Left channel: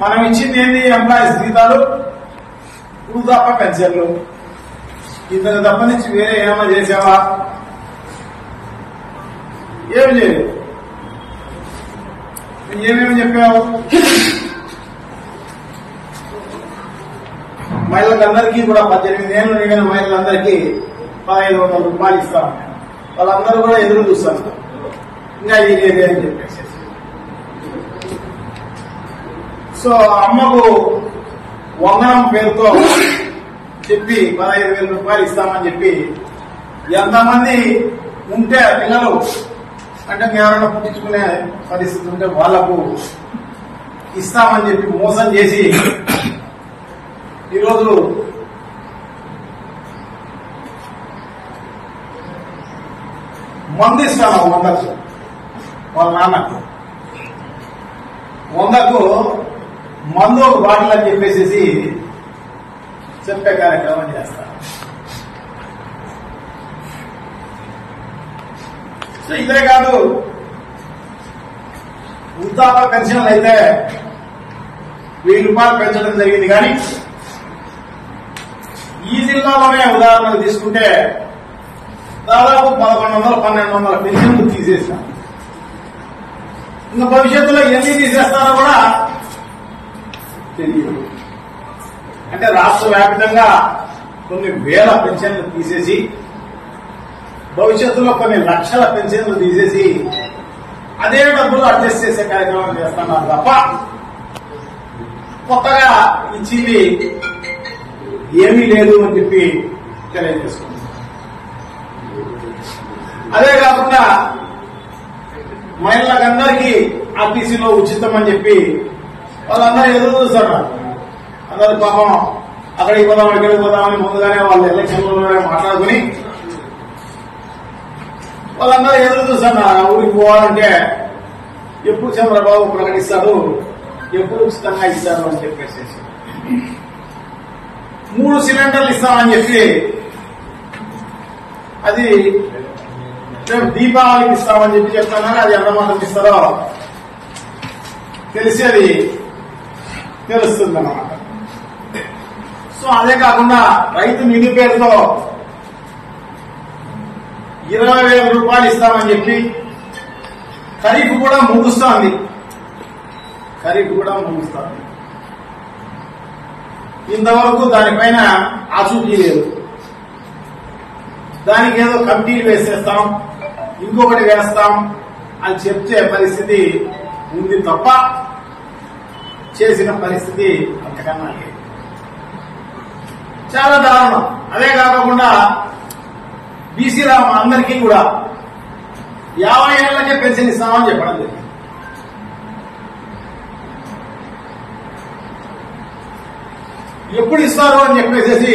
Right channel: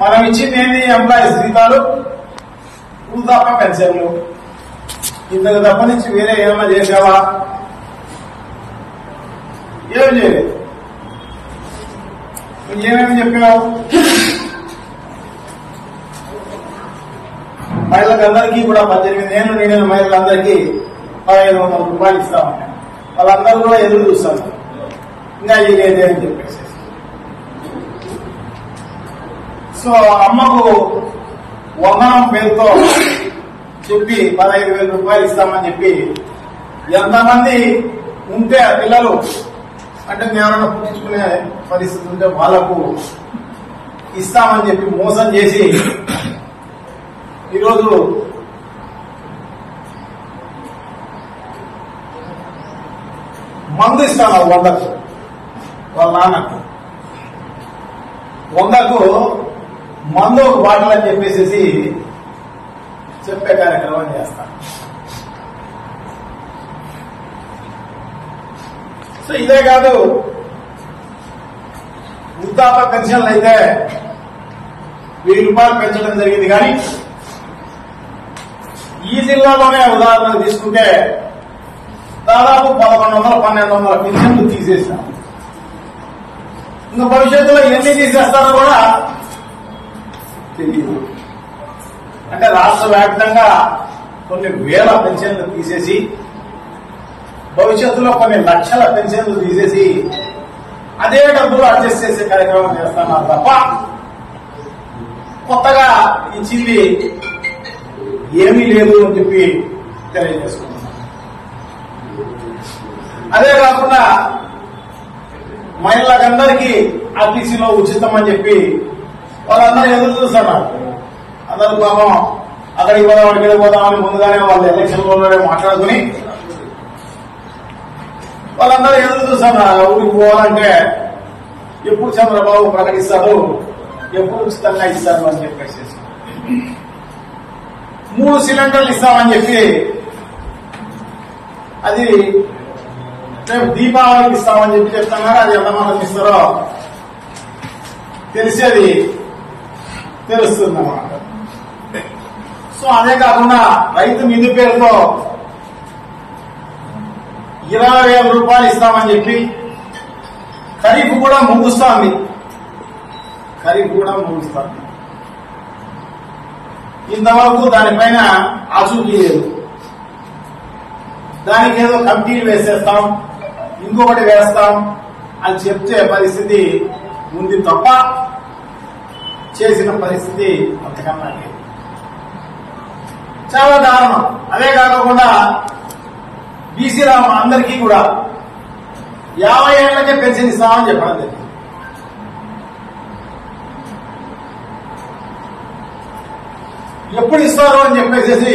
మనం ఇచ్చింది ఏంటి? ఎంప్లాయీస్ జీతాలు, వృద్ధాప్య పెన్షన్లు. ఇంతకు తప్ప నుంచి వేరే ఏమైనా చేసావా? ఏమి చేయలేదు. ఏమేమి చెప్పావు? మహిళలందరికీ కూడా 18 ఏళ్ళు నిండిన మహిళలందరికీ 1500 రూపాయలు ఇస్తామని వాళ్ళందరూ కూడా ఎదురు చూస్తారు. ఇంకా ఇదేదే అని చెప్పేసి సో అమ్మకు వందనం పేరుతో చెప్పి 15,000 రూపాయలు ఇస్తామని చెప్పి ఎంతమంది ఉంటే పిల్లలు అంటే జ్ఞానం పుట్టించుకునే పరిస్థితి ఉంటే వాళ్లకు ఇస్తామని చెప్పి మోసం చేసి ఈరోజు మందు ఇస్తాను 100కు వాళ్ళ నాన్నకు 100కు మందు ఒక బాటిల్ అని చెప్పేసి చెప్పే కార్యక్రమం చేస్తాను. సో ఇదే కాదు, వృద్ధాప్య పెన్షన్లు అయితే 1000 రూపాయలు పెంచడం జరిగింది. కానీ ఈ జిల్లాలోనే ఉదాహరణ తీసుకుంటే దాదాపు 1100-1200 పెన్షన్లు తీసేసినాం. ఇంకా భవిష్యత్తులో ఎన్ని తీసేస్తారో కూడా తెలియదు. అంటే రాష్ట్ర వ్యాప్తంగా కొన్ని వేల పెన్షన్లు తీసేసి భవిష్యత్తులో కొన్ని లక్షల పెన్షన్లు తీసేసి అదే డబ్బులు అడ్జస్ట్ చేసే కార్యక్రమం చేస్తున్నారు తప్ప కొత్తగా ఇచ్చింది ఏమీ లేదు అని చెప్పి తెలియజేస్తున్నారు. అదే కాకుండా మహిళలందరికీ ఆర్టీసీలో ఉచితం అని చెప్పి వాళ్ళందరూ ఎదురు చూస్తున్నారు. అందరూ పాపం అక్కడికి పోదాం ఇక్కడికి పోదామని ముందుగానే వాళ్ళు ఎలక్షన్లోనే మాట్లాడుకుని వాళ్ళందరూ ఎదురు చూస్తున్నారు. ఊరికి పోవాలంటే ఎప్పుడు చంద్రబాబు ప్రకటిస్తారు, ఎప్పుడు ఉచితంగా ఇస్తారు అని చెప్పేసి 3 సిలిండర్లు ఇస్తామని చెప్పి అది రేపు దీపావళికి ఇస్తామని చెప్పి చెప్తున్నారు. అది ఎంతమంది ఇస్తారో తెలిసేది తెలుస్తుంది అన్నమాట. సో అదే కాకుండా రైతు నిధి పేరుతో 20,000 రూపాయలు ఇస్తామని చెప్పి ఖరీఫ్ కూడా ముగుస్తోంది. ఇంతవరకు దానిపైన ఆచూకీ లేదు. దానికి ఏదో కమిటీలు వేసేస్తాం, ఇంకొకటి వేస్తాం అని చెప్తే పరిస్థితి ఉంది తప్ప చేసిన పరిస్థితి అంతకన్నా లేదు. చాలా దారుణం. అదే కాకుండా బీసీల అందరికీ కూడా 50 ఏళ్లకే పెన్షన్ ఇస్తామని చెప్పడం జరిగింది. ఎప్పుడు ఇస్తారు అని చెప్పేసి